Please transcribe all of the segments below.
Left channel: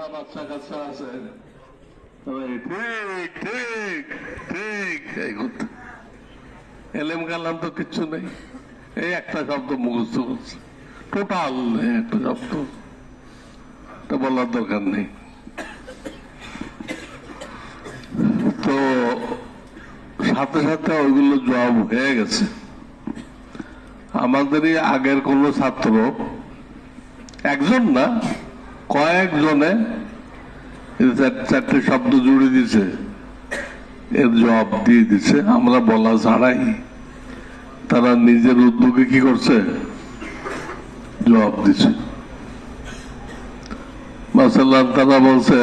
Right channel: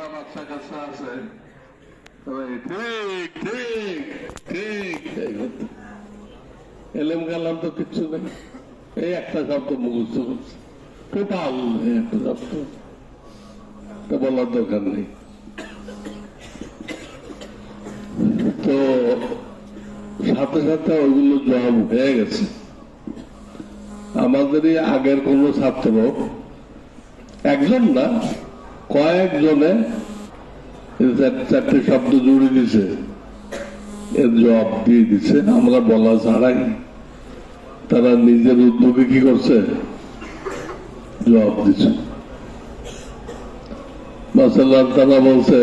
যারা বাচ্চা কাচ্চা আছে ঠিক ঠিক ঠিক এই কথা এলেম কালাম তো কিচ্ছু নেই, এই একটা শব্দ মুখস্থ করছে টোটাল, একটা শব্দ তো বলার দরকার নেই। তো সাথে সাথে ওইগুলো জবাব হয়ে গেছে। আমাদেরই আগের কোন ছাত্র, একজন না কয়েকজনে চারটে শব্দ জুড়ে দিছে, এর জবাব দিয়ে দিচ্ছে। আমরা বলা ছাড়াই তারা নিজের উদ্যোগে কি করছে, জবাব দিচ্ছে। মাসাল্লাহ তারা বলছে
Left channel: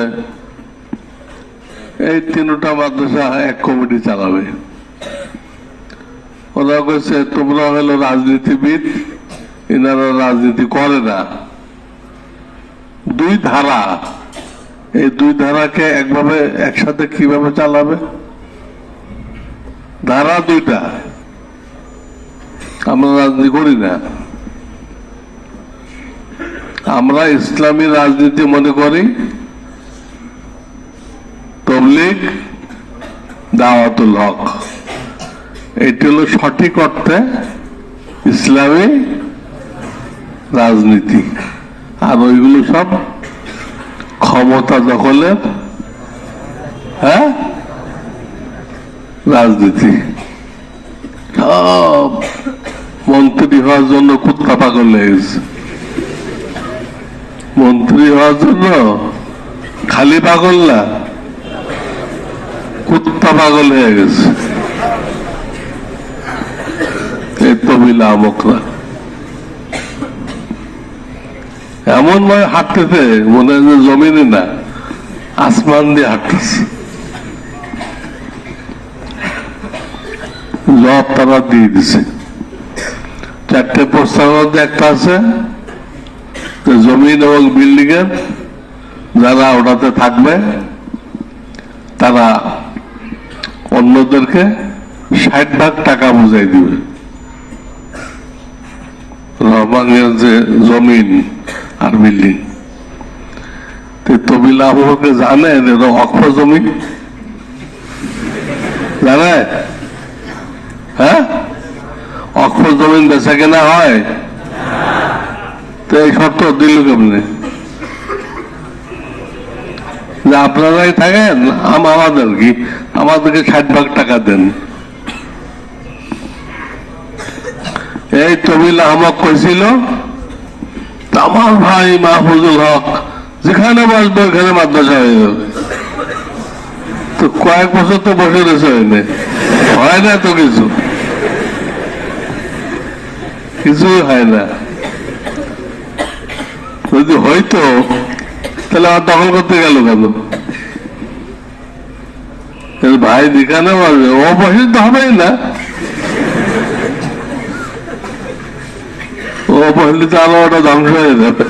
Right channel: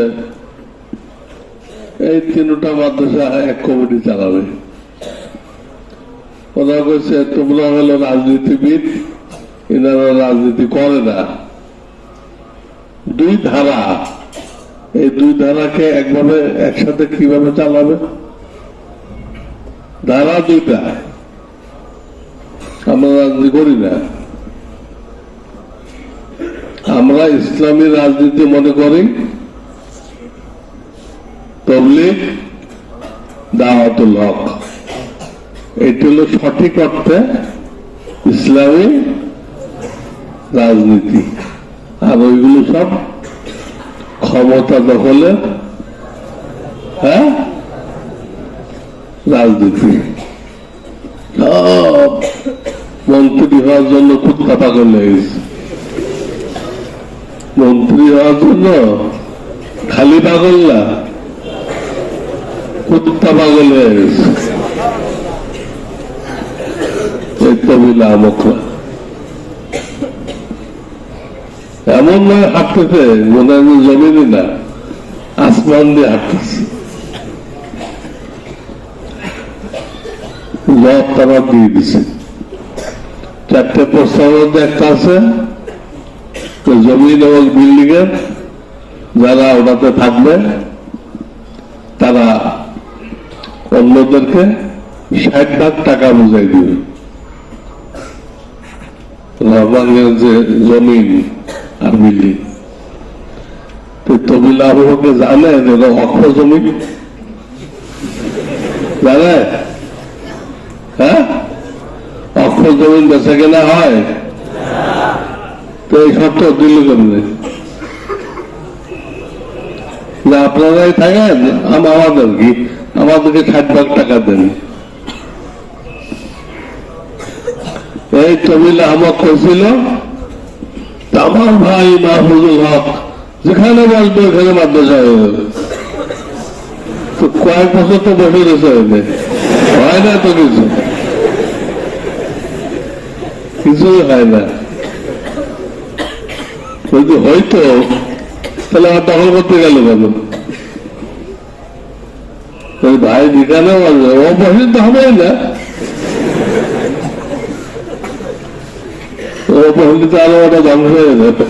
এই তিনটা মাদ্রাসা এক কমিটি চালাবে। ওরা কইছে তোমরা হলো রাজনীতিবিদ, এনারা রাজনীতি করে না। দুই ধারা, এই দুই ধারাকে একভাবে একসাথে কিভাবে চালাবে? ধারা দুইটা, আমরা রাজনীতি করি না, আমরা ইসলামী রাজনীতি মনে করি, তাবলীগ দাওয়াতুল হক, এটি হলো সঠিক অর্থে ইসলামী রাজনীতি। আর ওইগুলো সব ক্ষমতা দখলের রাজনীতি। সব মন্ত্রী হওয়ার জন্য কুত্তা পাগল হয়ে গেছে, মন্ত্রী হওয়ার জন্য খালি পাগল না, কুত্তা পাগল হয়ে গেছে এই তবিলা আমকরা। এমন নয় হাঁটতেছে মনে হয় জমিনে না, আসমান দিয়ে হাঁটতেছে। জব তারা দিয়ে দিছে। চারটে প্রস্তাবের মধ্যে একটা আছে জমিন এবং বিল্ডিং এর যারা ওটাতে থাকবে তারা অন্যদেরকে 60% টাকা বুঝাই দিবে। রহমানের যে জমিন আর বিল্ডিং, তবিলা আবহাওয়াকে জানেন এটা অক্ষ জমি, জানে? হ্যাঁ, অক্ষ জমিন বেচা কেনা হয়, তো এই শর্ত দিল কেমনে যে আপনারাই থাকেন, আমাদের কি, আমাদেরকে 60% টাকা দেন। এই তবিলা আমাক কইছিল আমার ভাই মাহফুজুল হক যেখানে বসবে ওখানে মাদ্রাসা হয়ে যাবে। তো কয়েক বছর তো বসে রয়েছে, হয় না তো, কিছুই হয় না। যদি হইতো তাহলে আমার দখল করতে গেল কেন? ভাই যেখানে বসবে ও বসে তো হবেই না, ও বসলে তো আলো ওটা ধ্বংস হয়ে যাবে।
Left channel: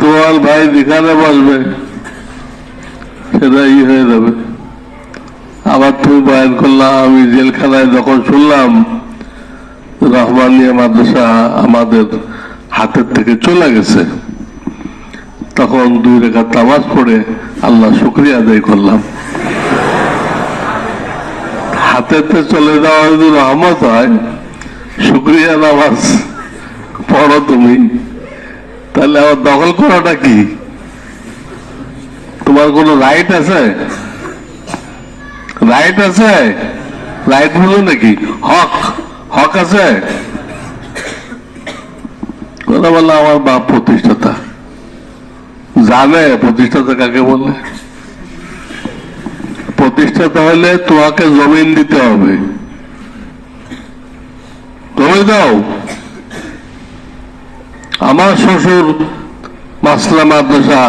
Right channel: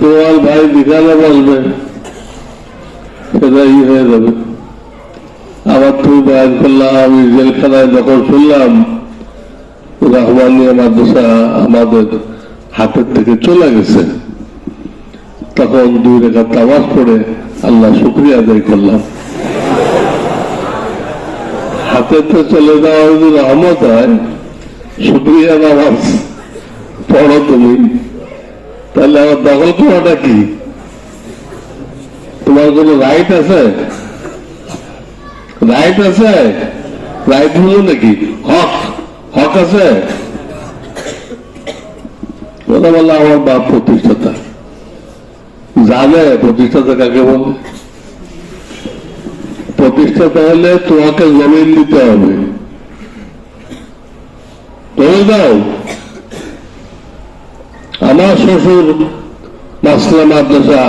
তোমার ভাই যেখানে বসবে সেটা হয়ে যাবে। আবার তুমি বয়ান করলাম, আমি জেলখানায় যখন শুনলাম রহমানিয়া মাদ্রাসা আমাদের হাতের থেকে চলে গেছে, তখন 2 রাকাত নামাজ পড়ে আল্লাহ শুকরিয়া আদায় করলাম। হাতের থেকে চলে যাওয়া যদি রহমত হয়, শুকরিয়া নামাজ পড়ো তুমি, তাহলে আমার দখল করাটা কি? তোমার কোন রাইট আছে? রাইট আছে? রাইট হলো নাকি হক? হক আছে? কথা বললো আমার বাপ প্রতিষ্ঠাতা, জানে প্রতিষ্ঠাতা কাকে বলে। প্রতিষ্ঠাতা হলে তোমাকে জমিন দিতে হবে, তুমি দাও। আমার শ্বশুর মাসলা মাদ্রাসা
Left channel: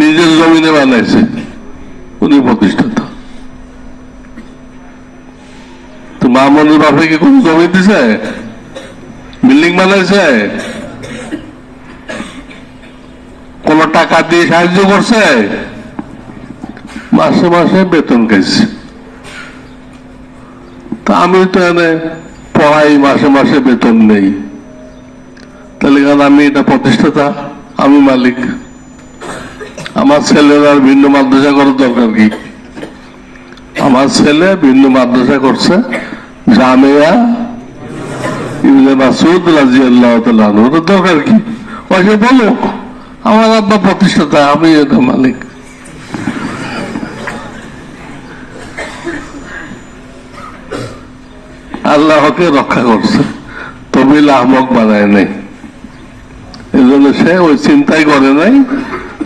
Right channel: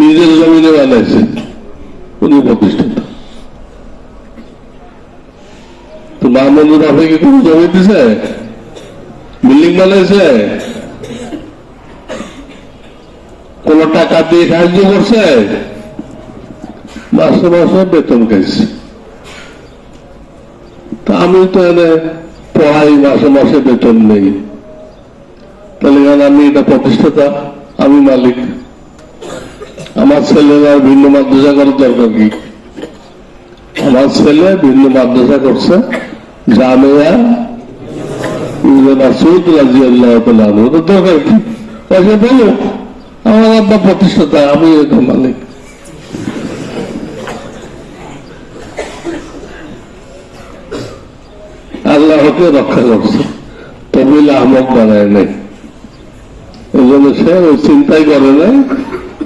নিজের জমিনে বানাইছে, উনি প্রতিষ্ঠাতা। তো মামুনের বাপে কি কোন জমি দিছে? বিল্ডিং বানাইছে? কোন টাকা দিয়ে সাহায্য করছে? মাসে মাসে বেতন খাইছে। তা আমি তো এনে পড়াই, মাসে মাসে বেতন নেই, তাহলে আমি এটা প্রতিষ্ঠাতা, আমি মালিক, আমার ছেলেরা ভিন্ন মাদ্রাসা করার দরকার কি? আমার ছেলে ভিন্ন মাদ্রাসা করছে, জামিয়া ইবনে মাসউদ রাদিয়াল্লাহু তাআলা আনহু, ওর দরকার কি? ওকে বলুক, আমার আব্বা প্রতিষ্ঠাতা, আমি এটা মালিক। আল্লাহকে রক্ষা করছে, তবিল আহমক বানায় নাই। এই জন্য সে ওই চিন্তাই করে নাই,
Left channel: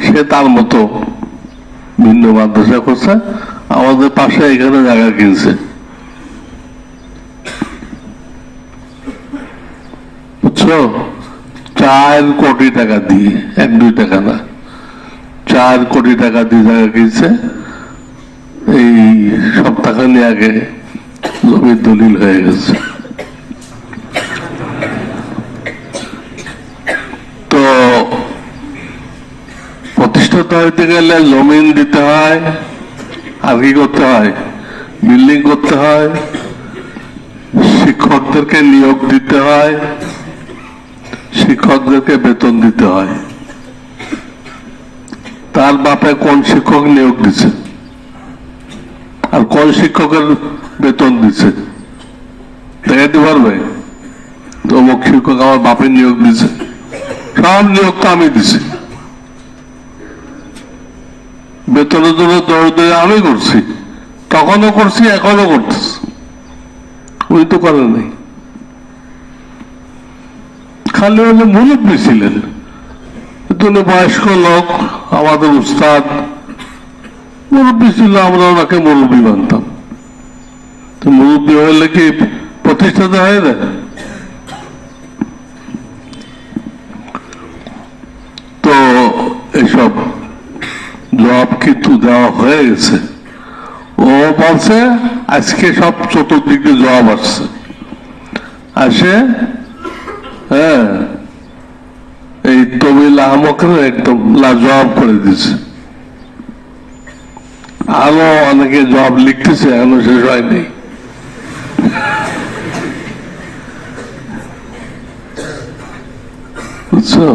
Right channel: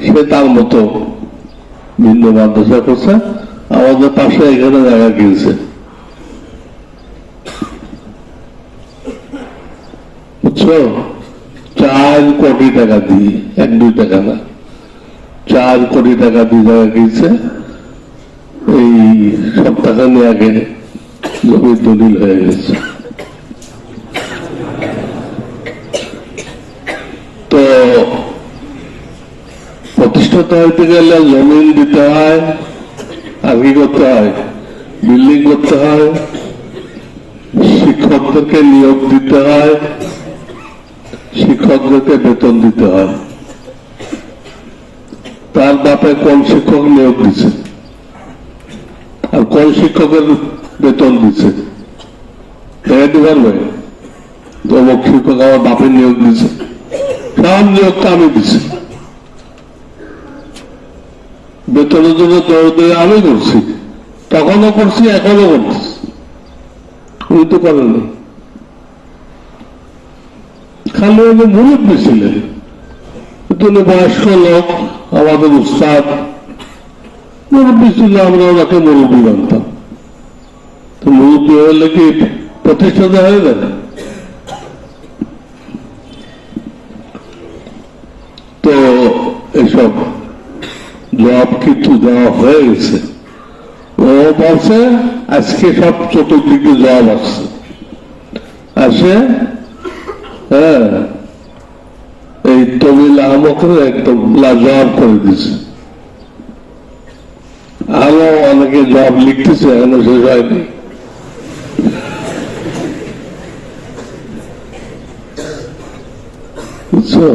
সে তার মতো ভিন্ন মাদ্রাসা করছে। আমাদের পাশে এখানে জায়গা কিনছে, বুঝছো, 4 কোটি টাকা দিয়ে, 1-2 টাকা না, 4 কোটি টাকা দিয়ে জায়গা কিনছে। এই সপ্তাহখানি আগে জমির দলিল হয়ে গেছে। তো প্রতিষ্ঠাতা হইতে গেলে জমিন দিতে হয়, আর কি করতে হয়? বিল্ডিং করতে হয়, শিক্ষকদেরকে নিয়োগ দিতে হয়, শিক্ষকদেরকে বেতন দিতে হয়। তার বাপে কোন শিক্ষক নিয়োগ দিচ্ছে আর কোন শিক্ষকের বেতন দিচ্ছে দেখাতে পারবে? তো অমুক শিক্ষক আমার বাপে নিয়োগ দিচ্ছে, সব নিয়োগ তো আমি দিছি, বেতনের জন্য দৌড় আমি করছি, তখনও করছি, এখনো করতেছি, উনি তো করেন নাই। খালি উনি মুরব্বী ছিলেন, উনি বয়স্ক লোক, আমাদের উস্তাদ মুরব্বী ছিল, আমরা ওনাকে মুরব্বী মানতাম। তো মুরব্বী হইলে কি প্রতিষ্ঠাতা হয় না? তো এসব জবাব কিন্তু দেওয়া হয়ে গেছে। ও বলছে আজকে সব চতুর্দিকে জবাব আসছে, আসে হ্যাঁ এই তবিল আহমকের একদম লাজবাব করে দিছে। আরো অনেকে জবাব লিখতেছে, এখনো শেষ হয়নি। বুঝছো,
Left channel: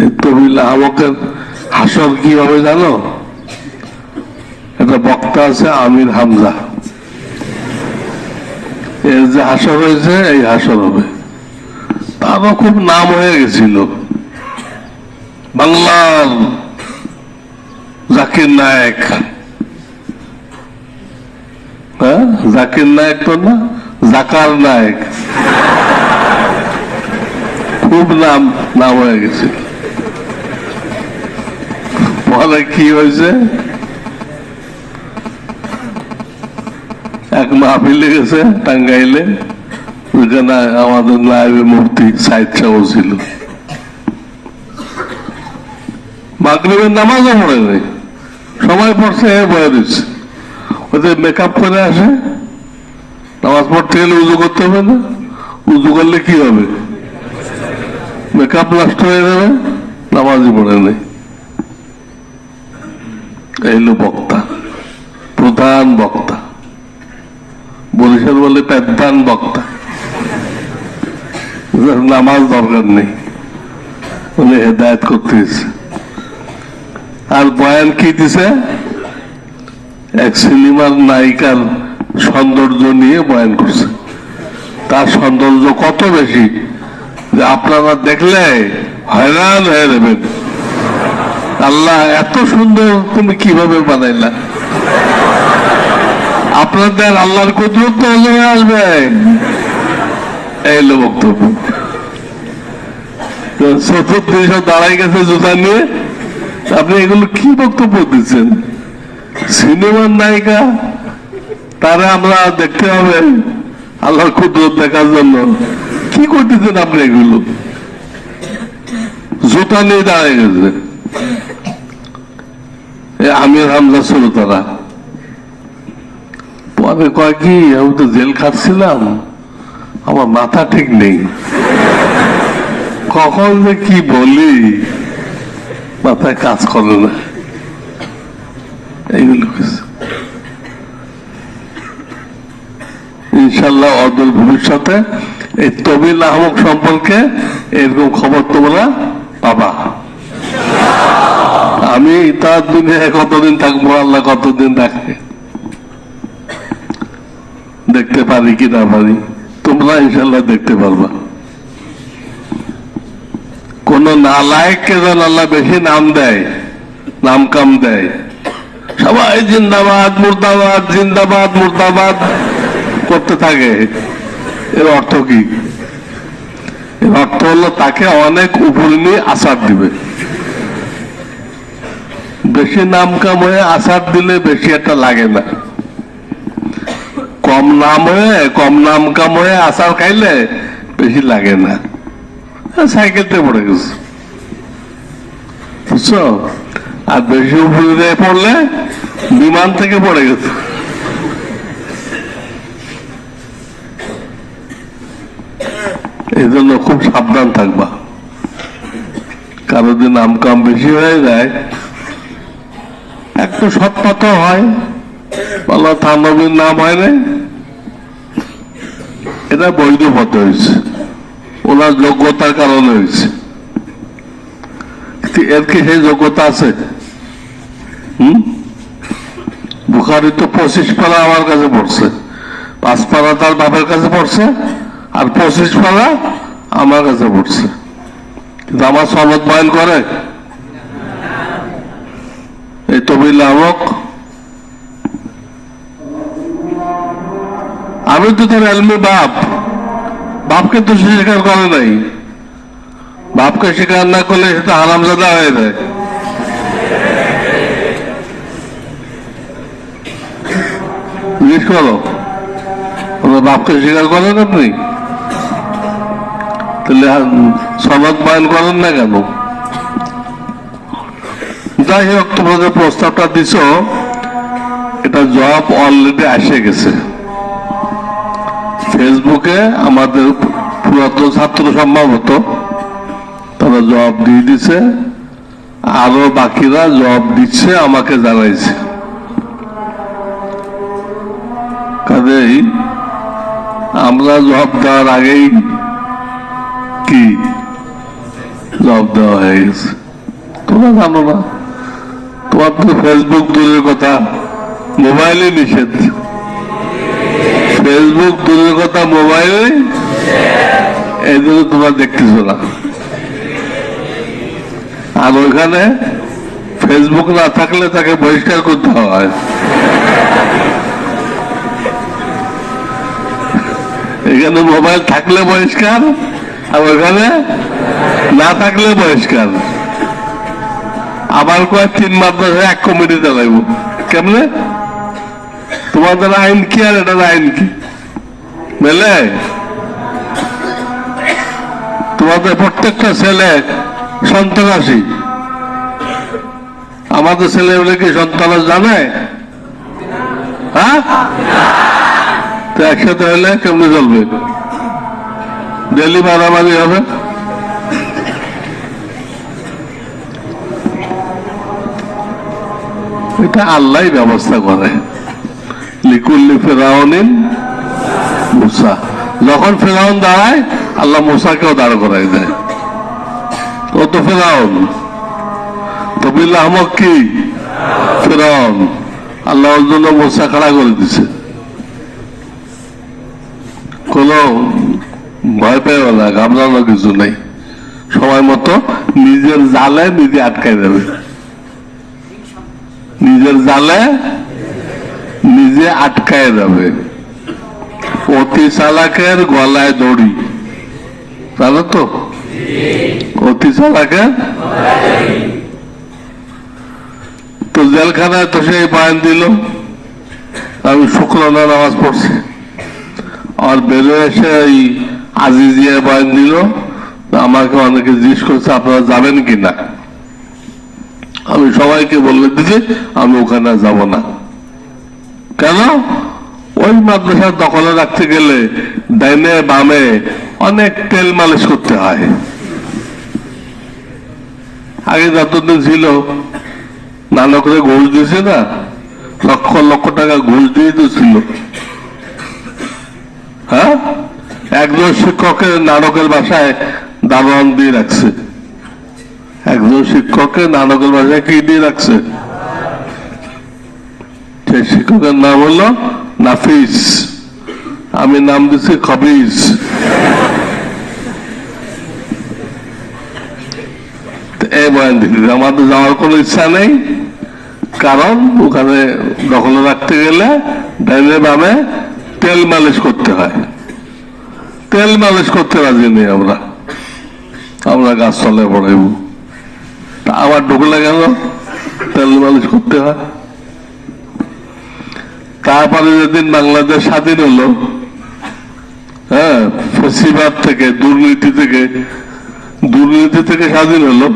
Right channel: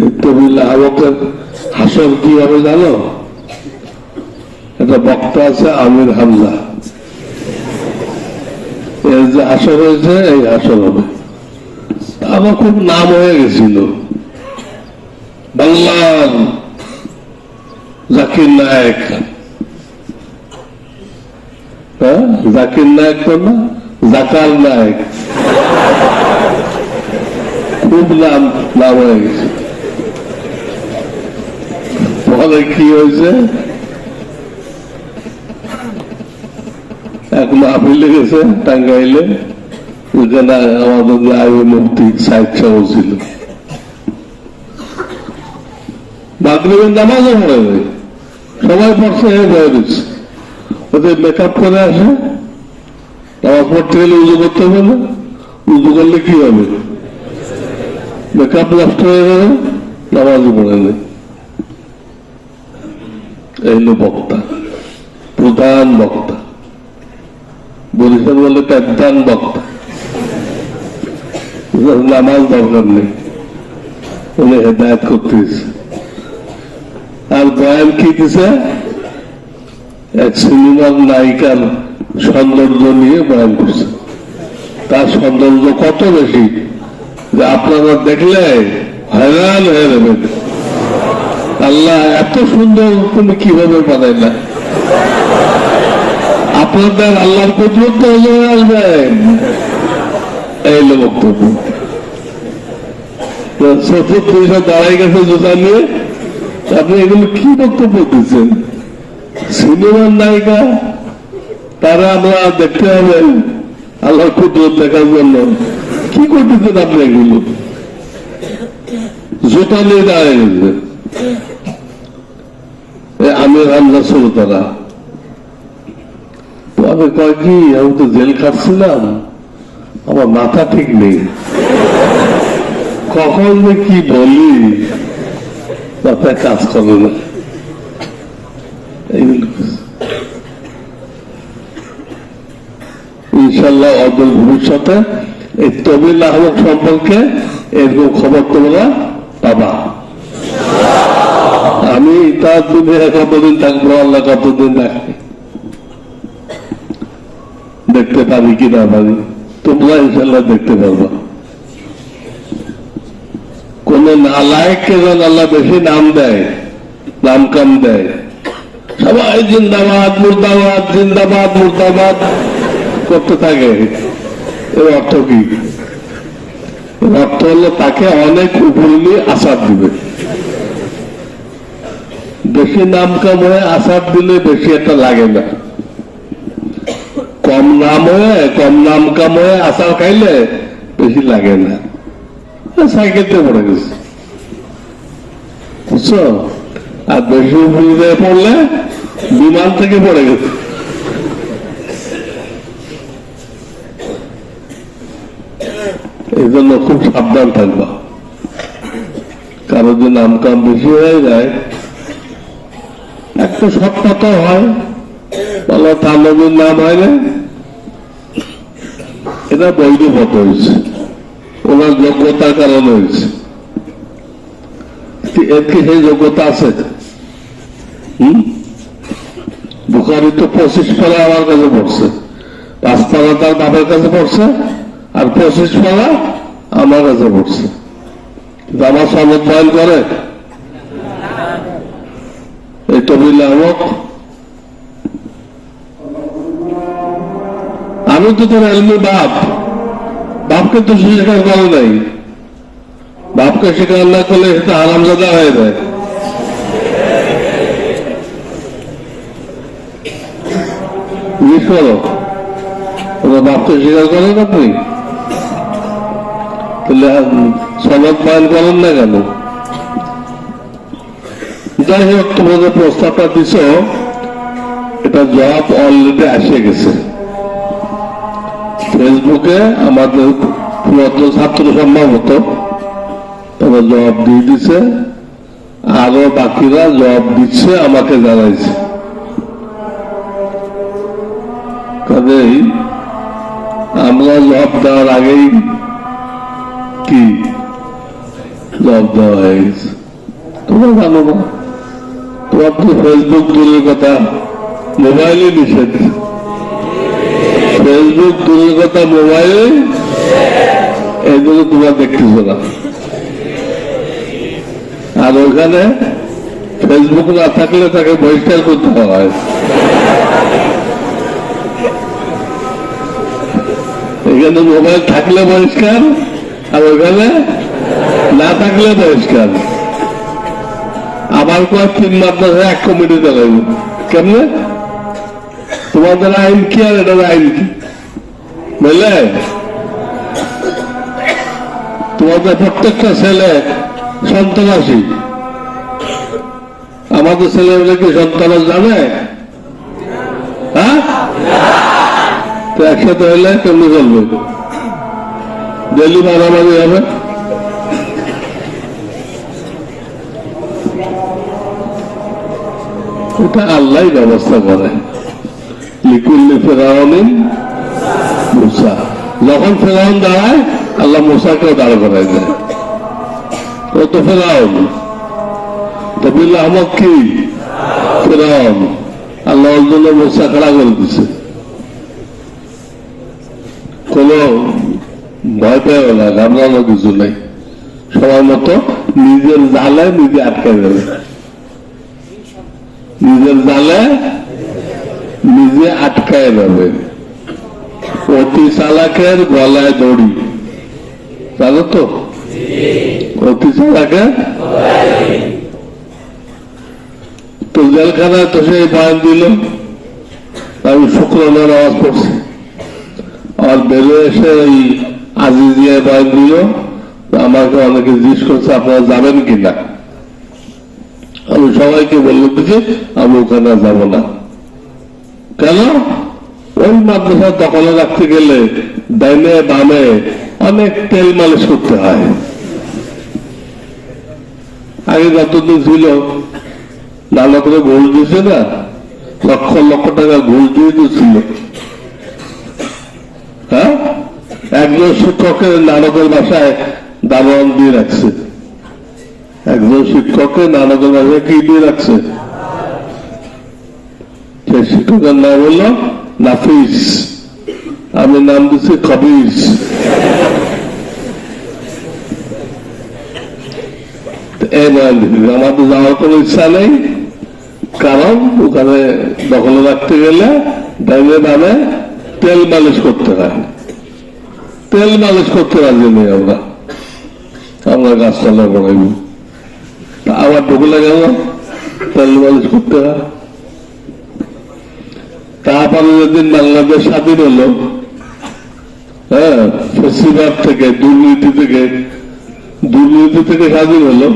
এই তবিল আহমকের হাসর কি হবে জানো? একটা বক্তা আছে আমির হামজা, এর যে হাসর হয়েছে এই হাসর হবে। তারও খুব নাম হয়ে গেছিল, বাংলার জাকির নায়েক। হ্যাঁ, জাকির নায়েক তো না, জাকার নায়েক, খুব নাম হয়ে গেছে। পরে কি হয়েছে, এক মাহফিলে গেছে টাঙ্গাইলে, ওইখানে আমাদের নায়েবে মুফতি সাইদ সাহেব ছিল। মাগরিবের নামাজও পড়ে নাই, সবাই পড়ছে, বয়ে দিচ্ছে। ওদের মেকআপ করে আসে, নামাজ পড়তে গেলে উজু করতে হবে না? উজু করলে কি হবে? মেকআপ নষ্ট হয়ে যাবে, নামাজই পড়ে নেই। এই হলো বক্তা, প্রধান বক্তা, বরিশাল বলে প্রধান বক্তা। নামাজ দরকার নেই, উনি হেদায়ত করতেছে। আর বয়ান কি দিছে? এক সিনেমার নায়িকার সৌন্দর্য নিয়ে বয়ান করছে। তার সৌন্দর্য কত বেশি যে আপনারা দেখলে হয়রান হয়ে যাবেন। আল্লাহ এত সুন্দর, তুমি কিভাবে বানাইলা? আপনাদের আল্লাহর কুদরত নজরে আসবে, এই হলো বক্তব্য। চতুর্দিকে দাঁড়াই গেছে জুতা নিয়ে, আপনি এগুলো কি বক্তব্য দিচ্ছেন? সিনেমার নায়িকা, তারা আমরা দেখতে হবে আল্লাহর কুদরত দেখার জন্য। কি করতেছেন আপনি এগুলো? জুতা নিয়ে দাঁড়াই গেছে আমির হামজা শ্রোতারা। পরে কয় কি, আমি তো জেল খাটছিলাম, আমার মাথা ঠিক নেই, কখন যে কি বলি মাথায় কাজ করে না। এইগুলো ইনশাল্লাহ অদূর ভবিষ্যতে এই তবিল আহমক সম্পর্কে এরকম খবর তোমরা পাবা। আমি তার দিনে কতদিন থাকবো, আল্লাহ কতদিন থাকে, দেখতে পারি কি না পারি, তোমরা ইনশাল্লাহ দেখতে পারবা। কোন নালায়েককে যেন আল্লাহ বেশি নাম দেয়, নাম কাম দেয়, সবাই জিন্দাবাদ মুর্দাবাদ জিন্দাবাদ মুর্দাবাদ করতে থাকে। এর অর্থ কি? এর অর্থ হলো তাকে অনেক উপরে নিয়ে আসার দিবে। বেশি নাম কাম হয়ে আসার দিলে বেশি একটা লাগে না, কম নাম হয়ে কম নাম কাম হয়ে আসার খাইলে বেশি লাগে না। সাইকেলতে পড়ে গেছে, বুঝছো? আর বেশি উপরে দিয়ে পড়লে বিমান থেকে পড়ে গেছে। এই জন্য খুব সাবধান থাকবা। কারো যদি নাম কাম বেশি হয়ে যায়, একটু সৎপথ হয়, বলো তার নবীর নাম হয় না, এটা বৈধ পথ হয়েছে, ওনার যোগ্যতার কারণে হয়েছে। এর কি সেই যোগ্যতা আছে? বুখারি তো 25 পারা আমার কাছে পড়ছে, 5 পারা তার বাপের কাছে পড়ছে, আর 25 পারা আমার কাছে পড়ছে। কিন্তু আমার সনদ বয়ান করে এই তবিল আমক। আমি তো তোর এলমি বাপ, বাপকে তো সে স্বীকার করে নাই। বাপকে স্বীকার না করলে সে তো হারামজাদা হয়ে যায়। জিজ্ঞেস করো, ওরা বাপকে স্বীকার করেন আপনি? তাহলে সনদ বয়ান করেন না কেন? যাই হোক, তোমাদের প্রস্তাবটা দিছ, এটা জবাব অলরেডি এসে গেছে। ফেসবুকে আমাদের পুরাতন ছাত্র সম্ভবত তারা জবাব দিয়ে দিছে, আরো বাকিরা জবাব দিচ্ছে, আমাকে জানাইছে। কাজেই আমরা জবাব দেওয়ার আগেই কি জবাব দেওয়া হয়ে গেছে। তোমরা জানো না, তোমার তো ফেসবুক দূরের কথা, মোবাইলে নিষেধ। ফেসবুক দূরের কথা, মোবাইলে, এই জন্য তোমরা দেখতেছ না। আর ওইখানে ফেসবুক না থাকলে তাকে বহিষ্কার করতে হয়। এখানে মোবাইল থাকলে বহিষ্কার, আর ওইখানে না থাকলে বহিষ্কার। আবার কয় 3 মাদ্রাসা 1 কমিটিতে লাগবো। কেমনে? তোমাদের আইন কি আর এটার আইন কি বুঝলে? তোমাদের প্রত্যেকটা ছেলে সন্ত্রাসী, আমাদের ছেলে বলে কি সন্ত্রাস জানে? হ্যাঁ, তো একসাথে হলে কেমনে চলবে? ডেলি মারামারি হবে। এটা আল্লাহ ব্যবস্থা করে। লিকুল্লি ফেরাউনিন মুসা, যখন ফেরাউন দাঁড়ায় আল্লাহ মুসাকেও দাঁড় করাই দেয়। ও তো ফেরাউন, তবিল আহমদ কি ফেরাউন, আল্লাহর জন্য মুসা খাড়া করে দিছে। কোন ভয় পেও না, ঘাবড়ানো কিছু নেই। সময় মতো নিজের জালে নিজে আটকাই দেবে, নিজের জালে নিজে আটকায় যাবে। অতি চালাকের গলায় দড়ি, জানো তো? অতি চালাকের তো জেলখানায় তো সেই বয়ান দিল, আমি শুক্রানা নামাজ পড়ছি, আর বেরোয় এসে এই আজিজিয়া বয়ান দিল। আমাকে অনেকে জিজ্ঞেস করছে আপনারা যাবেন কিনা। আমি সবাইকে বলে দিচ্ছি আমি ওখানে যাব না। কেন? ওই মাদ্রাসা দখলে রাখতে গেলে ডাইনে বামে অনেক তেল মালিশ করতে হয়। আগে যতদিন ছিল নানকরে ঘুষ দিয়েছে না, লক্ষ লক্ষ টাকা ঘুষ দিয়ে তো ছিল। হ্যাঁ, একজন শিক্ষকের নানকের বাসায় দারোয়ান দিয়ে রাখছে, একজন শিক্ষককে নানকের ভাষায় কি দিয়ে রাখছে? সে শিক্ষকের নাম হলো নাফিস, আমি নাম দিচ্ছি খবিজ। এই বয়ান দিকে আমাদের যাওয়ার কোনো ইচ্ছা নেই, কারণ ওখানে দখলে রাখতে গেলে ডাইনে বামে তেল মালিশ করতে হয়। তেল মালিশ করতে রাজি নেই আমরা, আমরা গাছতলায় পড়াইব। আবার ঢুকলে গেল তেল মালিশ করতে হয়। তারপরে যেদিন বাংলাদেশ স্বাধীন হলো, হ্যাঁ, ফেসিবাদ থেকে দুর্নীতি থেকে স্বাধীন হলো,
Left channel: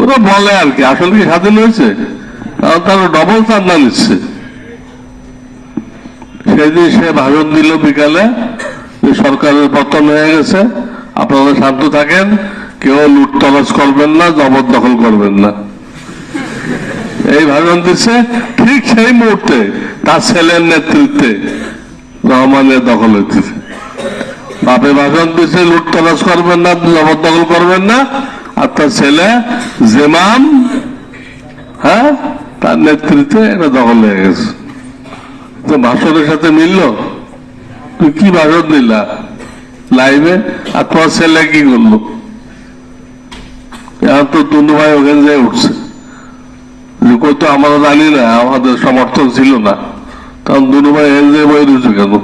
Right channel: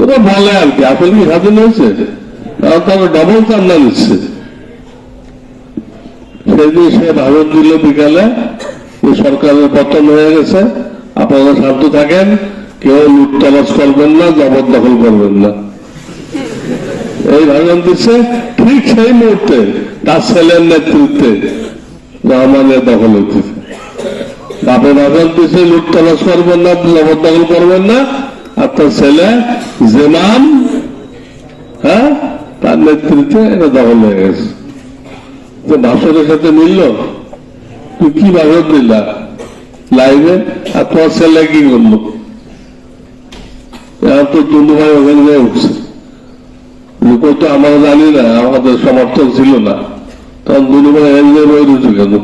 ওরা বলে আর কি, আসলে কি স্বাধীন হয়েছে? তারা ডবল চান্দা নিচ্ছে। সেদিন সে ভাষণ দিল বিকালে, সরকারের পতন হয়ে গেছে, আপনারা শান্ত থাকেন, কেউ লুটতরাজ করবেন না, জবরদখল করবেন না, এই ভাষণ দিচ্ছে। ঠিক সেই মুহূর্তে তার ছেলের নেতৃত্বে রহমানের দখল হইতেছে। বাপে ভাষণ দিচ্ছে লুটতরাজ করবেন না, জবরদখল করবেন না, আর তার ছেলে জেমাম, হ্যাঁ, তার নেতৃত্বে এটা দখল হয়ে গেছে। তো ভাষণের সাথে মিলল? তুই কি ভাষণ দিলা লাইভে, আর তোমার ছেলে কি করলো? এখন তো দুনু ভাই ওখানে যেয়ে উঠছে, কই তো আমরা জানি না, আমাদের সমর্থন ছিল না, তখন দুনু ভাই এখানে যেয়ে বই রয়েছে কেন?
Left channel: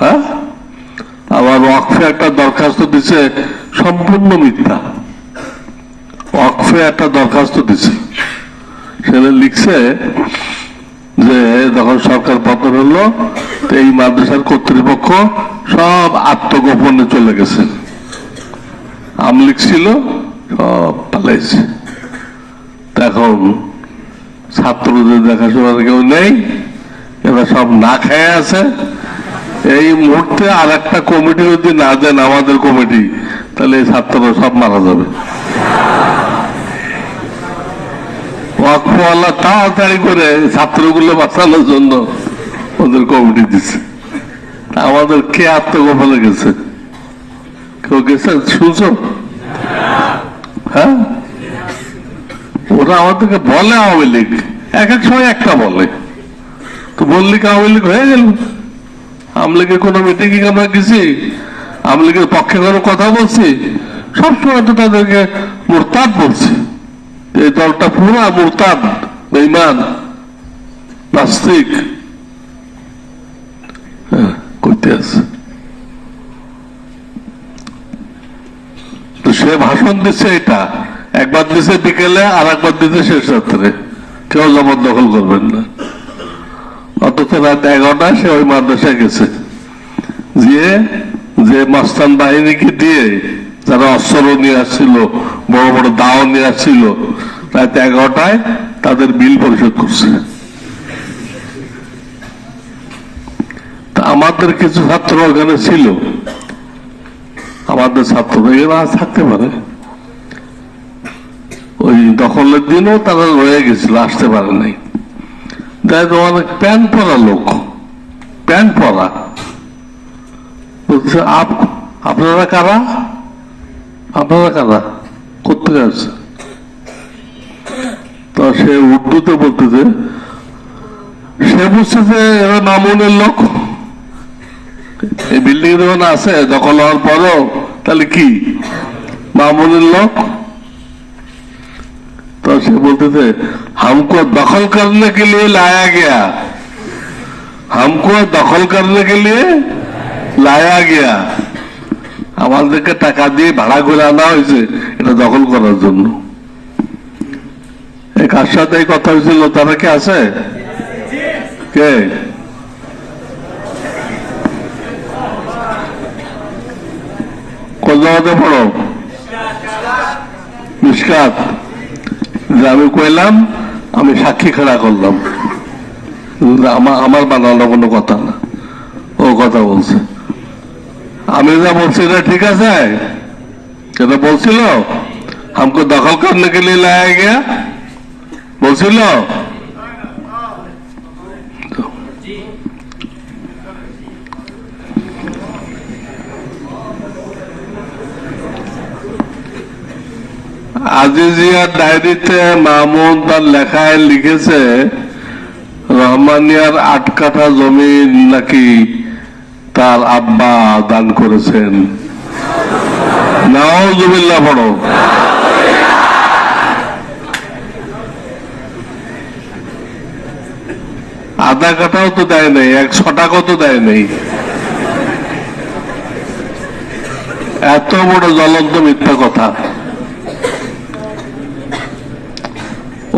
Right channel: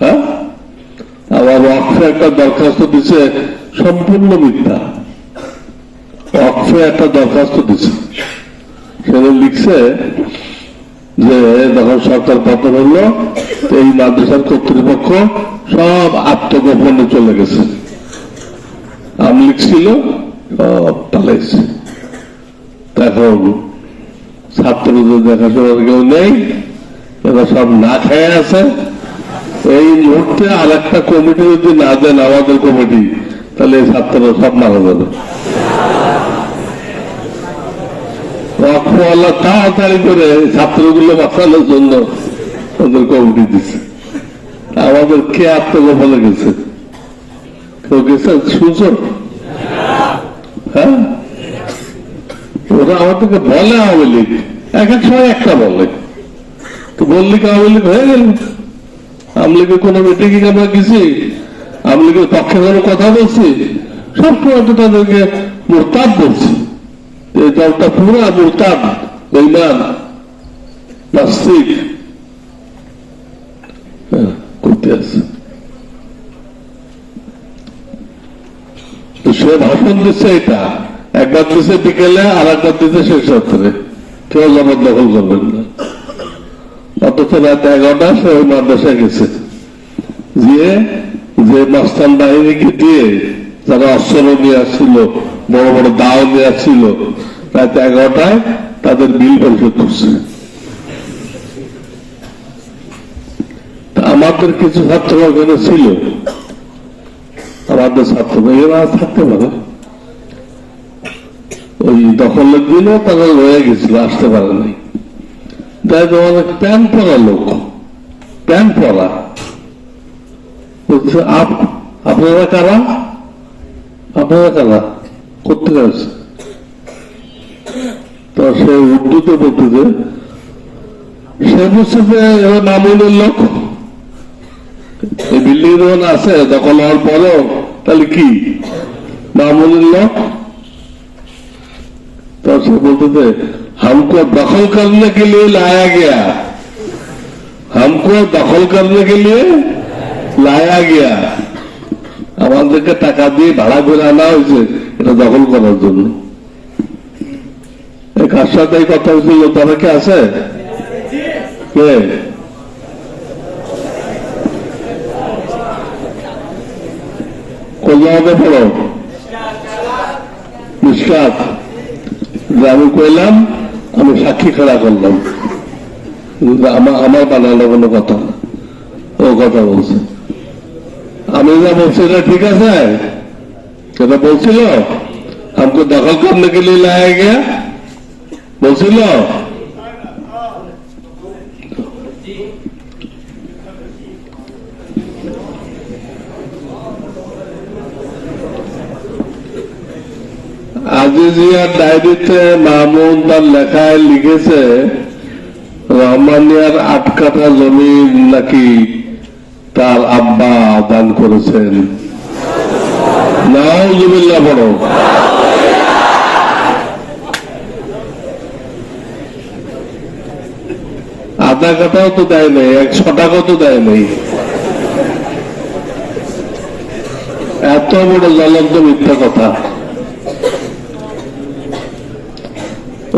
হ্যাঁ, আমার ওয়াকফে একটা দরখাস্ত দিছে, সম্পূর্ণ মিথ্যা। ওয়াকফে একটা দরখাস্ত দিছে, সেটা লিখছে যে যখন সরকার পতন হলো, এই মাদ্রাসার কর্তৃপক্ষ সব আত্মগোপনে চলে গেছে, আমলিক ছিল, সব পালাইছে। এখন ছাত্রদের দেখাশোনার কেউ নেই, এরা সব না খেয়ে আছে। এই মুহূর্তে আর একটা কমিটি যদি না দেন, আমাদের কমিটি, তাহলে এই ছাত্ররা সব মারা যাবে। ওয়াকফওয়ালা তাড়াতাড়ি করে ছাত্রগুলো বাঁচানোর জন্য ওদের কমিটি দিচ্ছে। আমাদের কে আত্মগোপনে গেছে? কেউ গেছে শুনছো? হ্যাঁ, ওরা আমাদেরকে বলে আওয়ামী লীগ, এক এক সময় একটা বলে, তো বললি কি আওয়ামী লীগ হয়ে গেল? আওয়ামী লীগের কোনো মিটিংয়ে আমরা গেছি? আওয়ামী লীগের পক্ষে কোনো কথা বলছি? সবসময় তো তাদেরকে মুরতাদ বলছি। এই দলটা পুরা মুরতাদ, বেঈমান, নাস্তিক করতে আছে। তো সে ভাষণ দিচ্ছে, এটা একবার দিচ্ছে বিকেলে, আর একবার দিচ্ছে শেষ রাত্রে, কেউ জবরদখল করবেন না। অথচ রাত 11টা সে ওই মাদ্রাসায় গেছে, যে মস্তান বাহিনীকে দিয়ে যারা অস্ত্র নিয়ে আসছিল, বড় বড় দাও নিয়ে আসছিল, রাত 11টায় তাদের বিল পরিশোধ করছে। তা আমাদের কিছু ছাত্র ওখানে ছিল, আমাদের ছাত্র এরা থাকতে পারে, ওই দখলের দিনও তারা রয়ে গেছিল, আসতে পারে নাই। দেখ অনেক প্যান্ট পরা লোক, প্যান্ট পরা, আপনারা কারা? আপনারা কারা? কোথেকে আসছে? তো সে উর্দুতে বলতেছে, সে বুঝছে যে এরা মামুনের লোক, এই বিল্ডিং যখন আছে দখল হওয়ার পরও, তাহলে কি মামুনের লোক? तो से बोलते थे हमको दखल करने के लिए लाया गया, हमको दखल करने के लिए लाया गया। আমাদেরকে টাকা দিয়ে ভাড়া করে আনা হয়েছে এটা দখল করার জন্য। কার সাথে এই কথা হয়েছিল? তারা কি আছে? কে? কোন জায়গাতে পড়ো? মিশকাত। আমি কইলাম, আমি সাক্ষী খেলা করলাম, আমার বানানো কোনো কথা না, ও কথা বলছে। আমি যা বলছি এটা ঠিক আছে? এটা বলছিল हमको दखल करने के लिए लाया गया বলছিল? খাদিজিয়ার ডায়েরিতে মাহমুদ তার লেখায় লিখেছে রহমানিয়ার 8 কাঠা জমি নাকি তার আব্বা দান করেছেন। নাউজুবিল্লাহ পড়ো। আধা কাঠাও তো দেয় নাই, 100 টাকাও তো দেয় নাই। এত বড় জ্বলন্ত মিথ্যা কথা।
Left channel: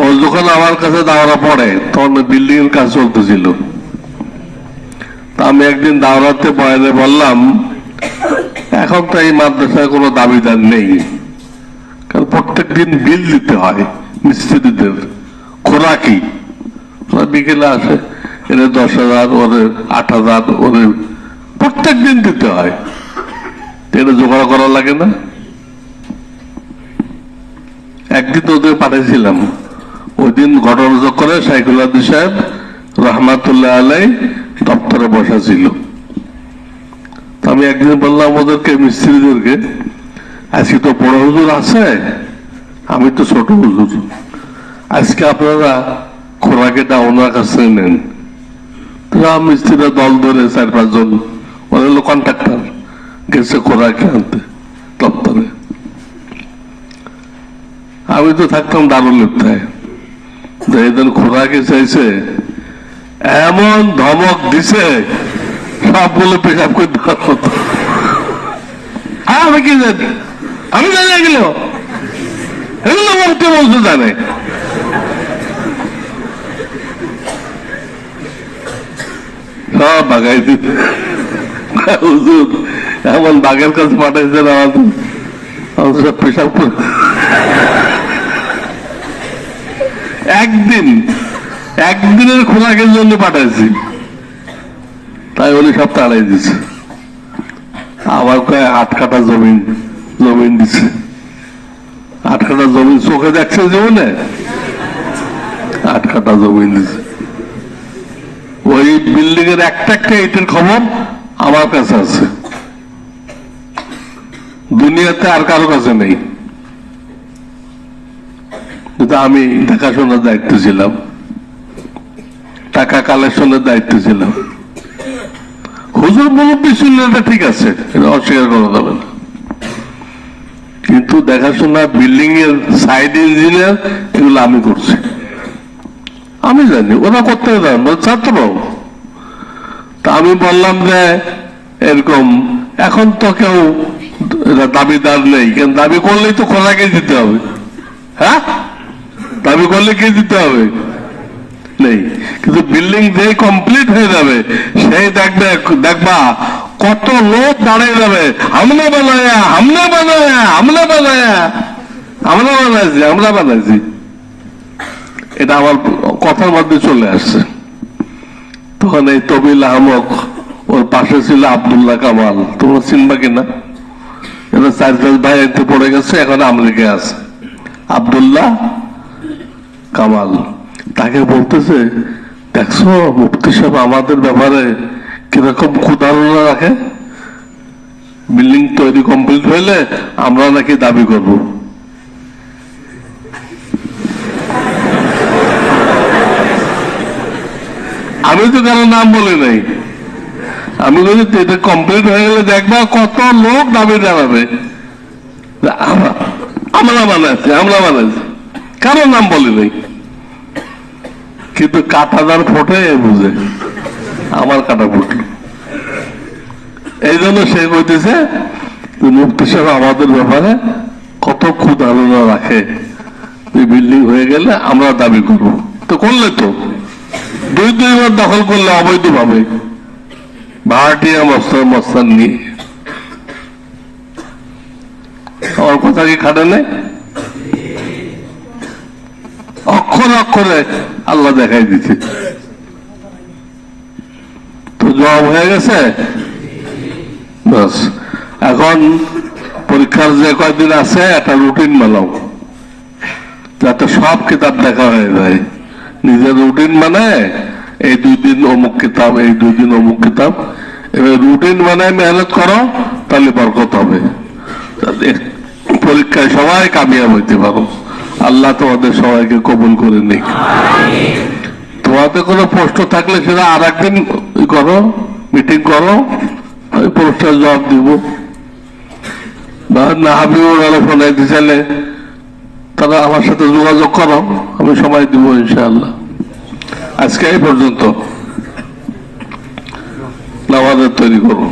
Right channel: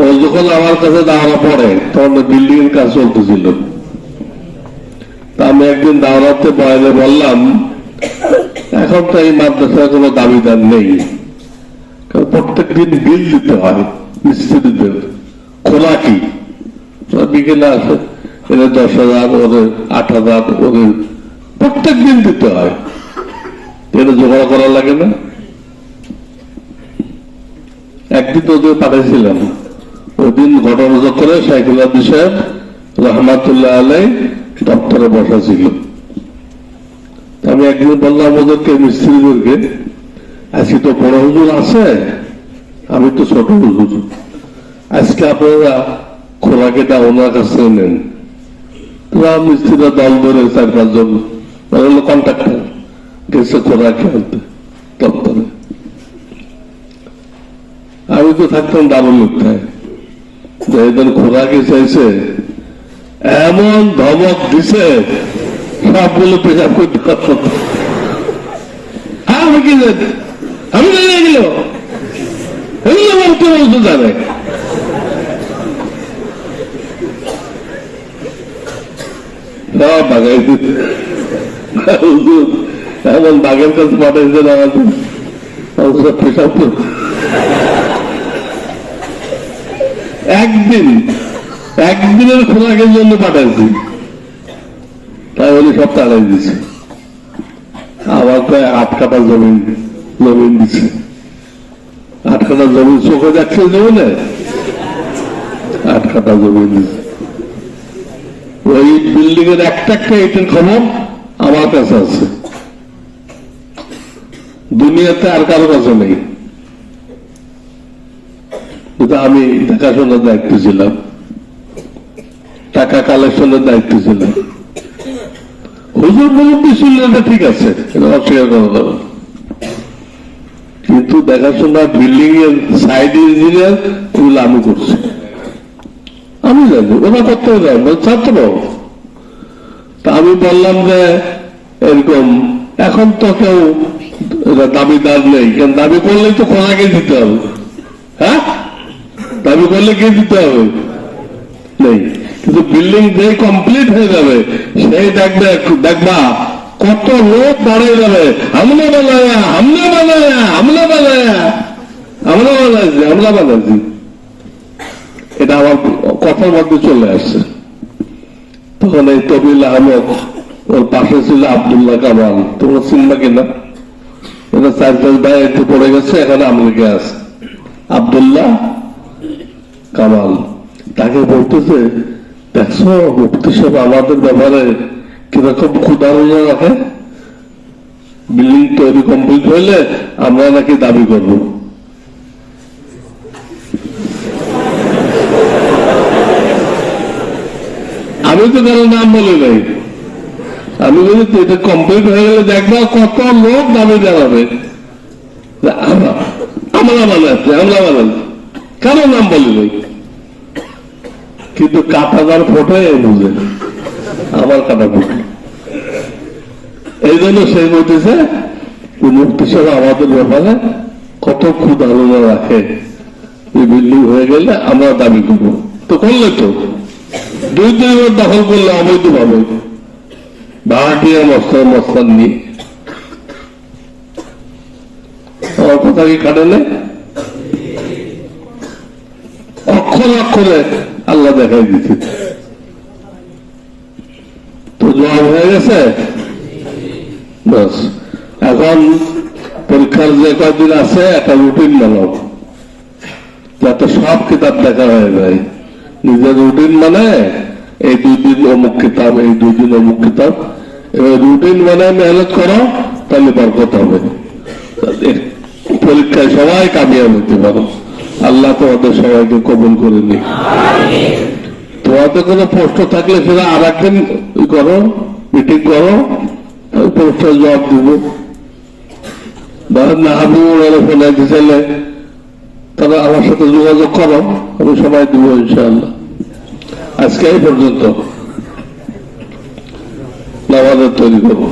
ও যখন আমার কাছে দাওরা পড়ে তখন বিল্ডিং এর কাজ চলতেছিল। আমি একদিন দাওরাতে বয়ানে বললাম, এখন তো এই মাদ্রাসায় কোনো দাবিদার নেই, কারণ প্রত্যেক দিন বিল দিতে হয় মিস্ত্রিদের, খোরাকি বিকেলে আসে, এদের 10,000, ওদের 8,000, ওদের প্রত্যেক দিন দিতে হয়, এটা জোগাড় করা লাগে না। একদিন ওদের পাঠিয়েছিলাম, ওই দিন ঘটনা চক্রে সাইকুল আব্দুল সাহেব রহমাতুল্লাহ আলাই দপ্তরে বসা ছিল। আমি একদিন বললাম ওদেরকে, মিস্ত্রিদেরকে, আজকে তো বড় হুজুর আছে, আমি তো ছোট হুজুর, আজকে আপনারা খোরাকিটা ওনার কাছে নেন। মিস্ত্রিরা দল ধরে 4-5 জন, ওরা হলো কন্ট্রাক্টর, গেছে খোরাকি আনতে দপ্তরে। আমি তো থাকতাম দারুল লিপ্তায়, যেদিন খোরাকি চাইছে এমন ধমক দিছে সবগুলো পেশাব করতে পারত। আমি কি জানি, আমি জানি এগুলো, এগুলো বলতে বলতে জানে। সব বাগাই দিতে এমন বাঘের কাছে পাঠাইছে আমাদের সব পেশাব করে। একদিনের খোরাকের জন্য পাঠাইছি, তাই বলে সব তাড়াই দিছে। আমার প্রায় 8 কাঠা জমিন দিছে। 8 কাঠা জমিন চোখে দেখছে জীবনে, 8 কাঠা জমিন দিছে। ওই বিল্ডিং এর একটা ইটের খবর আমার কাছে আছে, দুনিয়াতে আর কারো কাছে নেই। কিন্তু আমি দেখাশোনার দায়িত্ব ছিলাম, টাকা কালেকশনের দায়িত্ব ছিলাম। হুজুর মুরব্বী ছিল, ঠিক আছে, এটা অস্বীকার করা যাবে না, কিন্তু দেখাশোনা, বিল্ডিং এর সাইড ইঞ্জিনিয়ার, এগুলো আমি করছি। আমি জানি ওরা করতে পারে, ছাত্র। তা আমি বললাম যে এরকম, এখন তো কেউ দাবিদার নেই, কেন দাবি করলেই তো খোলাকে দিতে হবে। হ্যাঁ, দাবি করলে কে দিতে হবে? নেই। কিন্তু বিল্ডিং যে কমপ্লিট হয়ে যাবে, সেই দেখবা কত লোক দাঁড়িয়ে যাবে, আমরা বানাইছি। এটা আমার কথার মধ্যে চলে আসছে। তখন এই তবিল আহমদ, ওর পাশে ছিল আব্দুল্লাহ কামাল, তোমরা চিনবা কিনা, এরা 4-5 ভাই এতে পড়ে গেছে, এখন আমেরিকায় আছে। আব্দুল্লাহ কামাল তাকে বলতেছে, দেখছো মুফতি সাহেব আমাদের ব্যাপারে কিরকম ক্ষুধারণা রাখে, বিল্ডিং তৈরি কমপ্লিট হইলে আমরা নাকি দাবি করব। আমি তো কারো নাম বলি নাই, আমি বলি এটা কমপ্লিট হয়ে গেলে দেখবা কত লোক দাবি জানাবে, আমরা বানাচ্ছি, কারো নাম বলি নাই। কিন্তু কাটাদার ফোটে বুঝে, আমার কাটা ফোটে। এই জন্য সে বলতেছে মুফতি সাহেব আমাদের ব্যাপারে কত ক্ষুধারণা রাখে, বিল্ডিং হয়ে গেলে আমরা দাবি করবো। তো করলে তো 2-3 বার দখল করলে অবৈধ ভাবে, ভাড়াটিয়া মস্তান নিয়ে। আমার কথা কি খাটে নেই? অক্ষরে আল্লাহ দেখাই দিচ্ছে। তো জবাব হয়ে গেছে। বাস, এখন পরীক্ষার যে কয়েকদিন আছে একটা রুটিন বানাও, যাতে সব কিতাব দেখা হয়ে যায়। নিজের রুটিন মানে এই 2 দিন অমুক কিতাব, এই 2 দিন অমুক কিতাব, এবার রুটিন মানে মেহনত করো, তাহলে বরকত হবে, পরীক্ষায় সবাই কামিয়াব হইতে পারো। আল্লাহ তোমাদের সবাইকে কবুল করে নিক। তোমাদের কোনো প্রশ্ন থাকলে সেটা আর একদিন করো, মিটিং করো, ওই প্রশ্নের জবাব দিব। বা না হাবিবুল আলোচনায় দিলে তারা আমার সাথে যোগাযোগ করো, আমি সময় দিব ইনশাআল্লাহ। আজকে এই পর্যন্ত, নামাজের তৈরি করবো।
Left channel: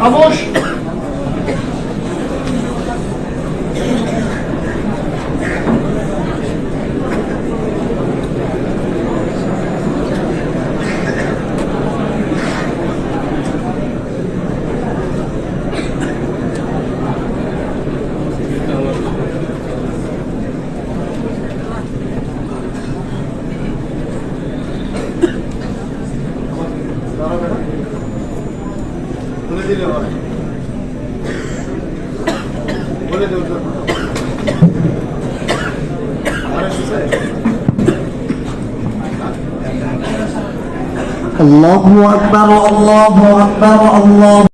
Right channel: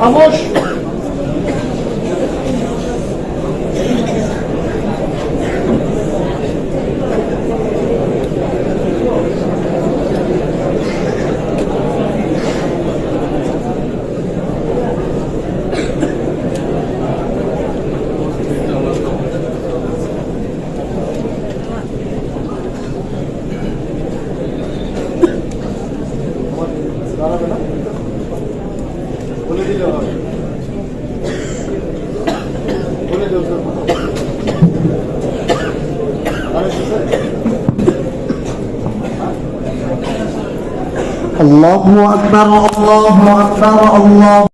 Vamos! বলে দিল বলে দিল الله أكبر الله أكبر الله